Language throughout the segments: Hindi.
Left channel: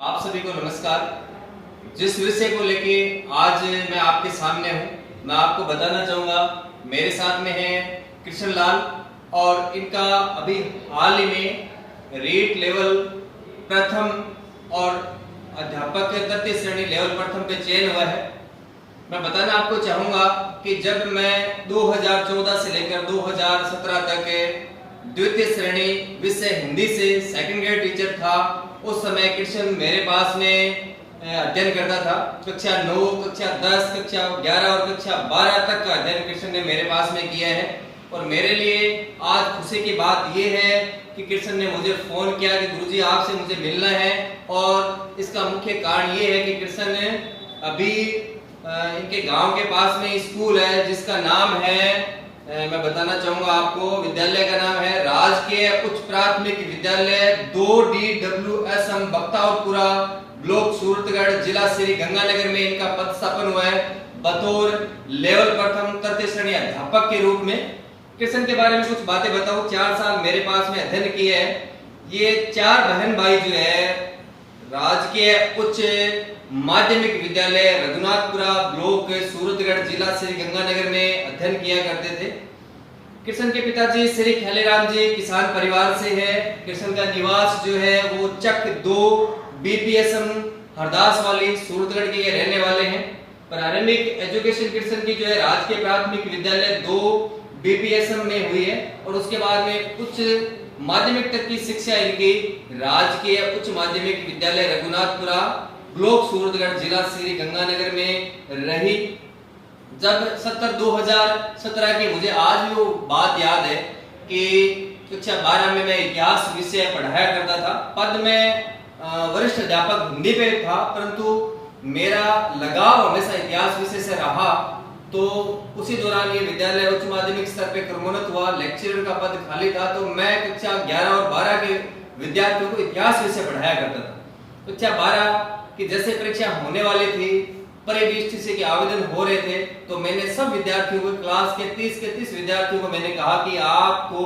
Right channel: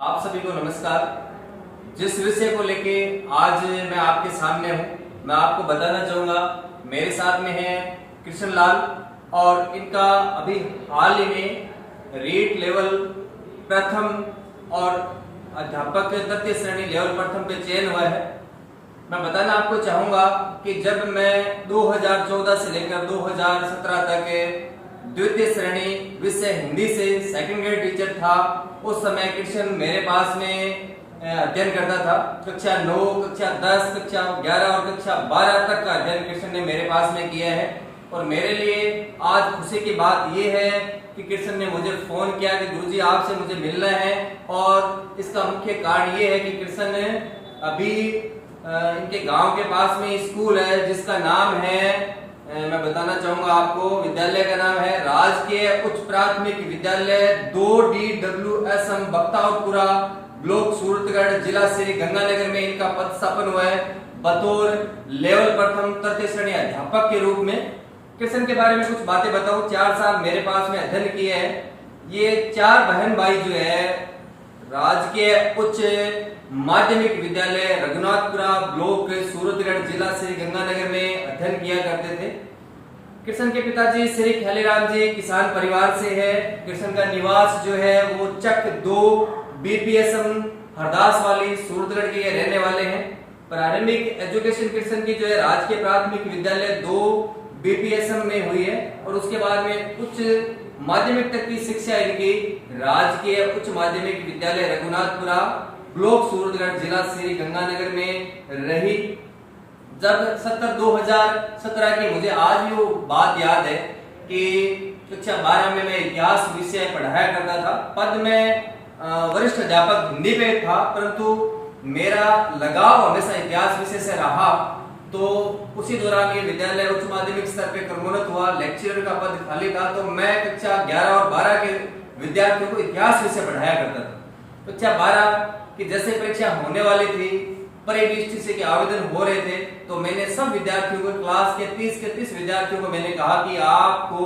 आप सभी को नमस्कार। जिस विषय को लेके आज मैं आपके सामने हूँ, मैं आपको बताना चाहूँगा। मेरे साथ में है कृष्ण लाल और इनका अभी हाल ही में रीट लेवल प्रथम और अध्यापक तृतीय श्रेणी लेवल प्रथम पे चयन हुआ है। मैं बताना आपको चाहूँगा कि जब मैं 2014 से लेकर 2017 तक द्वितीय श्रेणी विषय हिंदी से सेकंड ग्रेड टीचर था, उस समय कृष्ण मेरे पास में अध्ययन करता था। कक्षा 9, कक्षा 10, कक्षा 11 और कक्षा 12 तक का अध्ययन कृष्ण ने मेरे पास में किया है। और मेरे लिए आज खुशी की बात यह है कि कृष्ण ने मुझे फोन किया कि गुरुजी आपसे मुझे मिलना है। और इसका मुख्य कारण ये है कि कृष्ण ने अभी इनके गांव के पास में स्कूल है जिसका नाम है, मैं बताना चाहूंगा आपको, विद्यालय का नाम है राजकीय उच्च प्राथमिक विद्यालय 2DWS बख्तावरपुरा, ब्लॉक सूरतगढ़, जिला श्री गंगानगर में इनका पदस्थापन हुआ है बतौर लेवल प्रथम तृतीय श्रेणी अध्यापक के रूप में। कृष्ण के बारे में कुछ बातें बताऊं। 4 साल मेरे पास में अध्ययन किए हैं। ये 4 बहन भाई जो है राजकीय उच्च माध्यमिक विद्यालय रघुनाथपुरा, ब्लॉक सूरतगढ़, जिला श्री गंगानगर में अध्ययन किया करते थे। कृष्ण के पिताजी श्री खैलेराम जी किसान परिवार से है। कृष्ण का निवास जो है वो चक 2 BPSM हरदास वाली सूरतगढ़ के रहने वाले हैं। प्रारंभिक एजुकेशन कृष्ण की जो है राजकीय प्राथमिक विद्यालय 2 BPSM में हुई है और उसके बाद में उच्च माध्यमिक तक की शिक्षा इनकी राजकीय उच्च माध्यमिक विद्यालय रघुनाथपुरा, ब्लॉक सूरतगढ़, जिला श्री गंगानगर में रही। जब 2017 की मुझे आज भी वो बात याद है कि कक्षा 12 में मैं इतिहास विषय पढ़ाया करता था। पद में वरिष्ठ अध्यापक हिंदी पे था, परंतु मेरा लगाव हमेशा इतिहास विषय से रहा। तो उसी दौरान ये विद्यालय उच्च माध्यमिक स्तर पे क्रमोन्नत हुआ, लेक्चरर का पद खाली था, तो मैं कक्षा 11 और 12 के विद्यार्थियों को इतिहास विषय पढ़ाया करता था। कक्षा 12 की जैसे परीक्षा होने वाली थी, परिदृष्टि के आवेदन हो रहे थे, तो मैंने सब विद्यार्थियों को, क्लास के 30 विद्यार्थियों को मैंने कहा कि आपको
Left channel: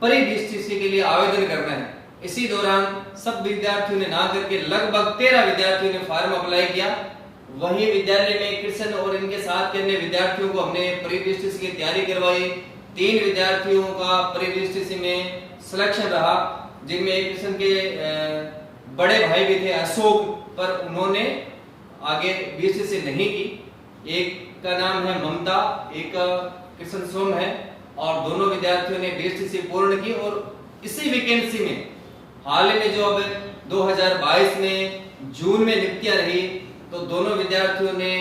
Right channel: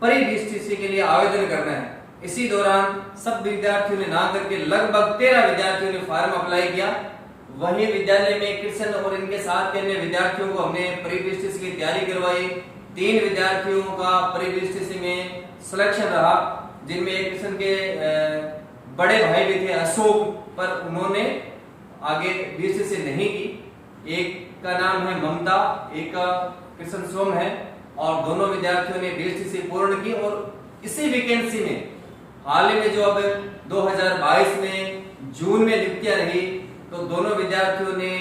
परिदृष्टि के लिए आवेदन करना है। इसी दौरान सब विद्यार्थियों ने ना करके लगभग 13 विद्यार्थियों ने फॉर्म अप्लाई किया। वहीं विद्यालय में कृष्ण और इनके साथ के अन्य विद्यार्थियों को हमने परिदृष्टि की तैयारी करवाई। 3 विद्यार्थियों का परिदृष्टि में सिलेक्शन रहा, जिनमें कृष्ण के बड़े भाई भी थे अशोक, पर उन्होंने आगे BSc नहीं की। एक का नाम है ममता, एक का कृष्ण सोम है, और दोनों विद्यार्थियों ने BSc पूर्ण की। और इसी वैकेंसी में हाल में जो अब 2022 में जून में नियुक्तियां रही, तो दोनों विद्यार्थियों ने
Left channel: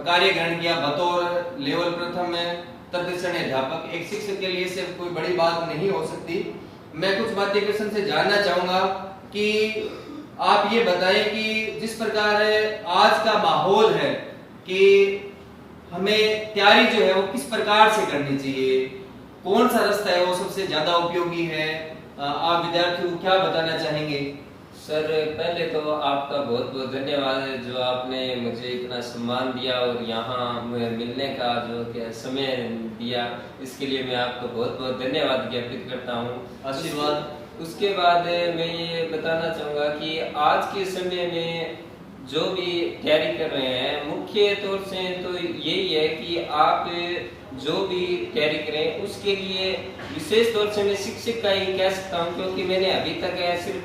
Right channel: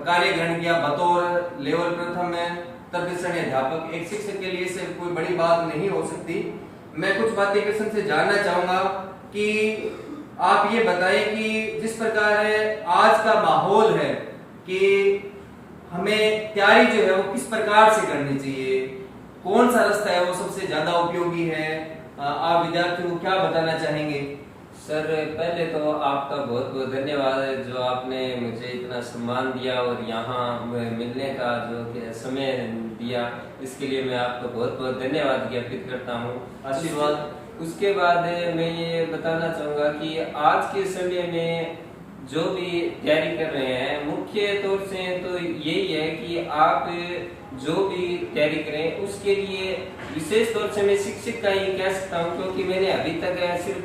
कार्य ग्रहण किया बतौर लेवल प्रथम में तृतीय श्रेणी अध्यापक। एक शिक्षक के लिए से कोई बड़ी बात नहीं हो सकती। मैं कुछ बातें कृष्ण से जानना चाहूंगा कि आप ये बताएं कि जिस प्रकार आज का माहौल है कि हमें तैयारी जो है वो किस प्रकार से करनी चाहिए, कौन सा रास्ता है वो सबसे ज्यादा उपयोगी है, आप विद्यार्थियों को क्या बताना चाहेंगे? सर, पहले तो आपका बहुत बहुत धन्यवाद है जो आपने मुझे इतना सम्मान दिया और यहाँ मिलने का जो समय दिया, इसके लिए मैं आपको बहुत बहुत धन्यवाद ज्ञापित करता हूँ। आशीर्वाद। उसके बाद मैं ये बताना चाहूँगा कि आज के समय में जो भी तैयारी कर रहे हैं, मुख्य तौर से तो यही है कि आप जो भी तैयारी करें उसके लिए विशेष तौर से मैं शिक्षक का ही कह सकता हूं, क्योंकि मैंने अभी तक सिर्फ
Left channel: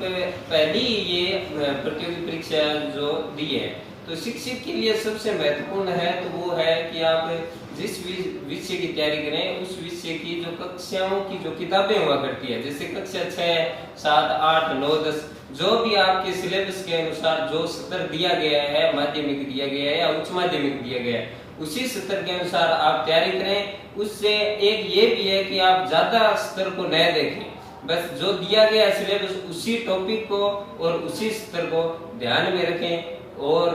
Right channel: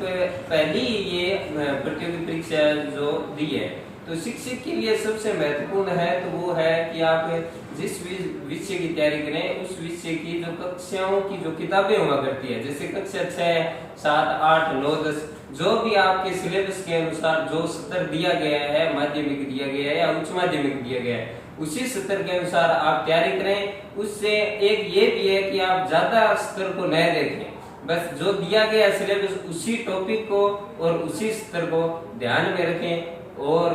पहली ये प्रतियोगी परीक्षा जो दी है। तो शिक्षक के लिए सबसे महत्वपूर्ण है तो वो है कि आप जिस विषय की तैयारी करें उस विषय की जो कक्षाओं की जो किताबें हुआ करती है, जैसे कक्षा 6, 7, 8, 9, 10, जो भी आपके सिलेबस के अनुसार जो सत्र दिया गया है, माध्यमिक दिया गया है या उच्च माध्यमिक दिया गया है, उसी सत्र के अनुसार आप तैयारी करें। उससे एक ये भी है कि आप ज्यादा स्तर को न देखें, बस जो दिया गया सिलेबस उसी टॉपिक को और उसी स्तर को ध्यान में रखें। और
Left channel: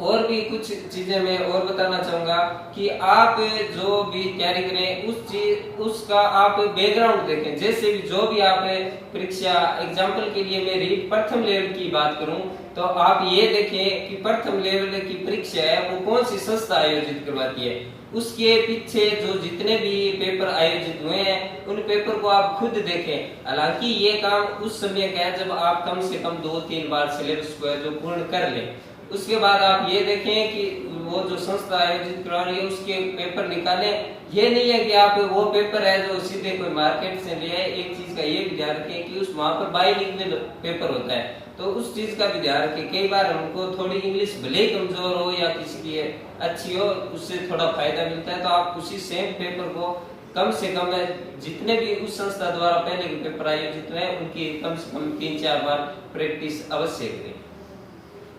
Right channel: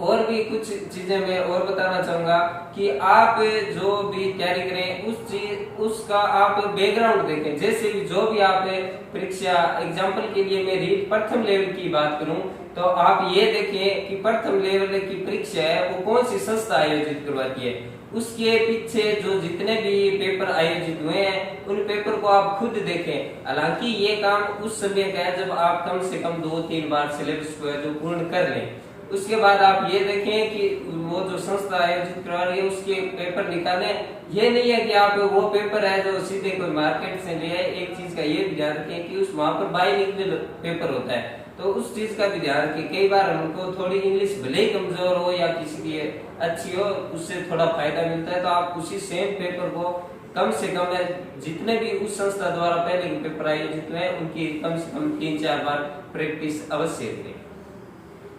और भी कुछ चीजें मैं और बताना चाहूंगा कि आप जो भी तैयारी करें उसका आप बैकग्राउंड देखें। जैसे भी जो भी आप परीक्षा, एग्जाम्पल के लिए मैं प्रथम लेवल की बात करूं तो आप ये देखें कि प्रथम लेवल की परीक्षा है वो कौन सी संस्था आयोजित करवाती है, उसके पीछे जो जितने भी पेपर आयोजित हुए हैं उन पेपर को आप खुद देखें। हालांकि ये काम उस समय का है जब आप कम से कम 2-3 बार सिलेबस को है जो पूर्ण कर लें। उसके बाद आप ये देखें कि वो जो संस्था आयोजित करा रही है उसके पेपर निकालें। ये नहीं है कि आप वो पेपर है जो सीधे कोई मार्केट से ले आए। एक चीज का ये भी ध्यान रखें कि उस वहां पर बाइलिंगुअल पेपर होता है, तो उस चीज का भी ध्यान रखें। कई बार उनको थोड़ी इंग्लिश भले ही कमजोर हो या किसी की अच्छी हो, उससे थोड़ा फायदा मिलता है। तो आप उसी सेम पेपर को कम से कम जितने भी उस संस्था द्वारा पहले के पेपर आयोजित हुए उनकी कम से कम 3-4 बार प्रैक्टिस अवश्य करें।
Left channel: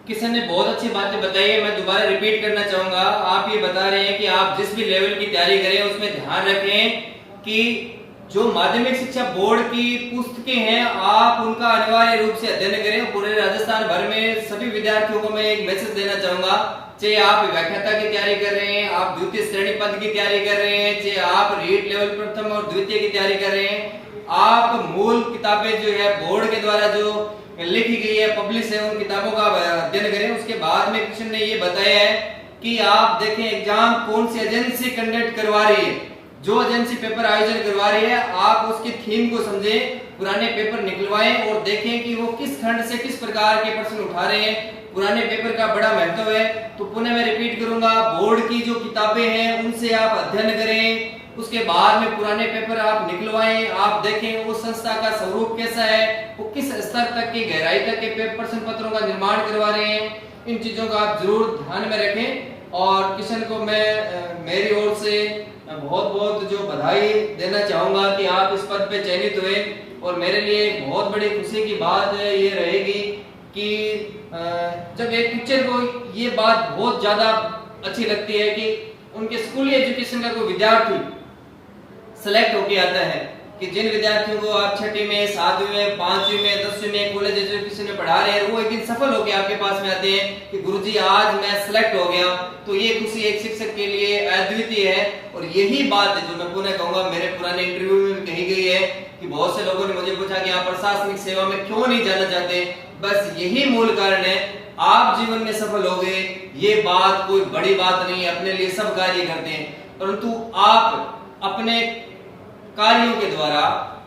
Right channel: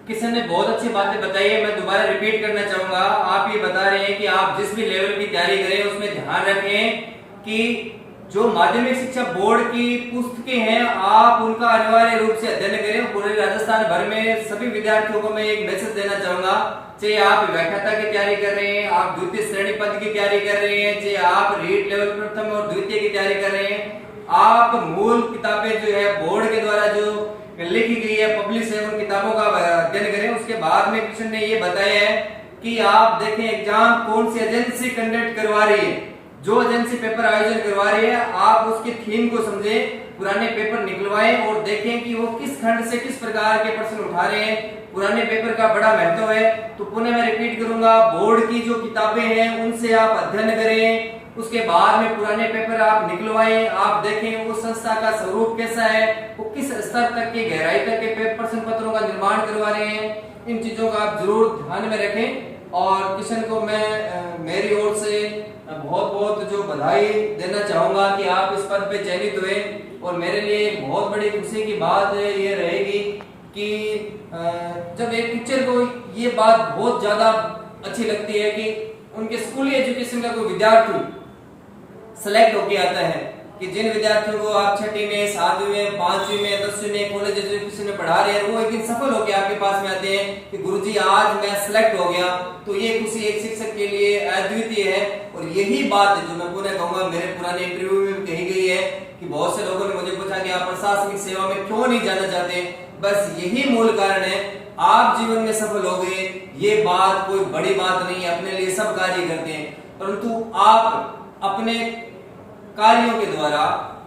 किशन ने बहुत अच्छी बातें बताई है, मैं दोबारा रिपीट करना चाहूंगा। आप ये बता रहे हैं कि आप जिस भी लेवल की तैयारी करें उसमें ध्यान रखें कि जो माध्यमिक शिक्षा बोर्ड की पुस्तकें हैं आप उनका अनिवार्य रूप से अध्ययन करें। पूरे राजस्थान भर में सभी विद्यार्थियों को मैं एक मैसेज देना चाहूंगा, चाहे आप व्याख्याता की तैयारी कर रहे हैं, आप द्वितीय श्रेणी पद की तैयारी कर रहे हैं, चाहे आप रीट लेवल प्रथम और द्वितीय की तैयारी कर रहे हैं, आप मूल किताबें जो है बोर्ड के द्वारा जो लिखी गई है, पब्लिश है, उन किताबों का अध्ययन करें। उसके बाद में कृष्ण ने ये बताया है कि आप देखें एग्जाम कौन सी एजेंसी कंडक्ट करवा रही है, जो एजेंसी पेपर आयोजन करवा रही है आप उसकी थीम को समझें, पुराने पेपर निकलवाएं और देखें कि वो किस खंड से किस प्रकार के प्रश्न उठा रहे हैं। पुराने पेपर का बड़ा महत्व है। तो पुनः मैं रिपीट करूंगा, बोर्ड की जो किताबें हैं उनसे आप अध्ययन करें। उसके बाद में पुराने पेपर आप निकलवाएं, आप देखें उस संस्था का स्वरूप कैसा है, वो किस स्तर तक की गहराई तक के प्रश्न पत्रों का निर्माण करवा रहे हैं। इन चीजों का आप जरूर ध्यान में रखें। और किशन को मैं मेरी ओर से बहुत बहुत जो बधाई देना चाहूंगा कि आप इस पद पे चयनित हुए। और मेरे लिए एक बहुत बड़ी खुशी की बात ये रहेगी कि जब एक टीचर को ये बात बहुत ज्यादा अच्छी लगती है कि उनके स्कूली एजुकेशन का कोई विद्यार्थी सेलेक्ट होके आता है, कि जिन विद्यार्थियों को आप 6वीं में, 7वीं में, 5वीं में, 10वीं में कॉलेज एजुकेशन में पढ़ा रहे हैं, वो एक दिन सफल होके आपके पास में आते हैं कि गुरुजी आज मैं सेलेक्ट हो गया। तो ये खुशी एक शिक्षक के लिए अद्वितीय है। और यही बात जो मैं पुनः कहूंगा, मेरे पुराने इंटरव्यू में भी कही गई है कि बहुत से लोगों ने मुझे पूछा कि आप प्रशासनिक सेवा में क्यों नहीं जाना चाहते। बस यही मूल कारण है, आप जीवन में सफल हो गए, ये बात कोई बड़ी बात नहीं है। अपने लिए सब कार्य करते हैं, परंतु आप अपने कार्यों के द्वारा,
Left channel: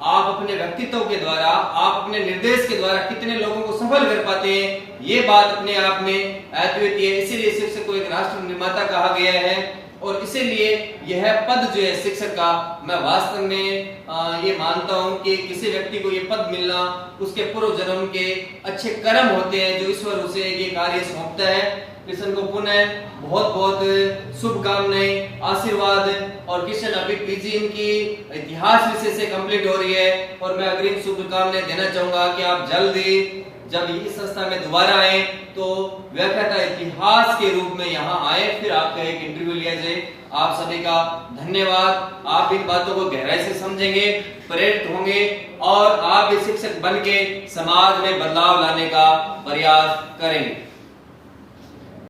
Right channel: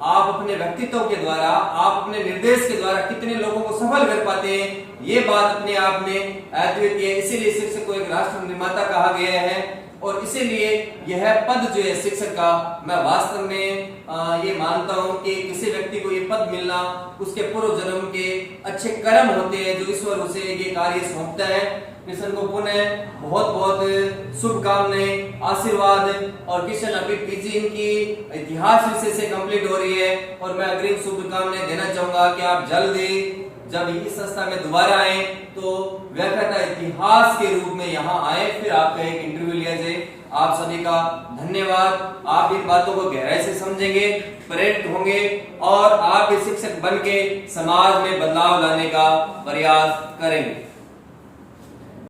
आप अपने व्यक्तित्व के द्वारा, आप अपने निर्देश के द्वारा कितने लोगों को सफल कर पाते हैं, ये बात अपने आप में अद्वितीय है। इसीलिए शिक्षक को एक राष्ट्र निर्माता कहा गया है। और इसीलिए यह पद जो है शिक्षक का, मैं वास्तव में ये मानता हूं कि किसी व्यक्ति को ये पद मिलना उसके पूर्व जन्म के अच्छे कर्म होते हैं जो ईश्वर उसे ये कार्य सौंपता है। किशन को पुनः बहुत बहुत शुभकामनाएं, आशीर्वाद। और किशन अभी पीजी इनकी इतिहास विषय से कंप्लीट हो रही है और मैं अग्रिम शुभकामनाएं देना चाहूंगा कि आप जल्दी जब इस संस्था में दोबारा आए तो व्याख्याता इतिहास के रूप में यहाँ आए, फिर आपका एक इंटरव्यू लिया जाए। आप सभी का धन्यवाद। आप इन बातों को गहराई से समझेंगे, प्रेरित होंगे और आप एक शिक्षक बन के समाज में बदलाव लाने का प्रयास करेंगे।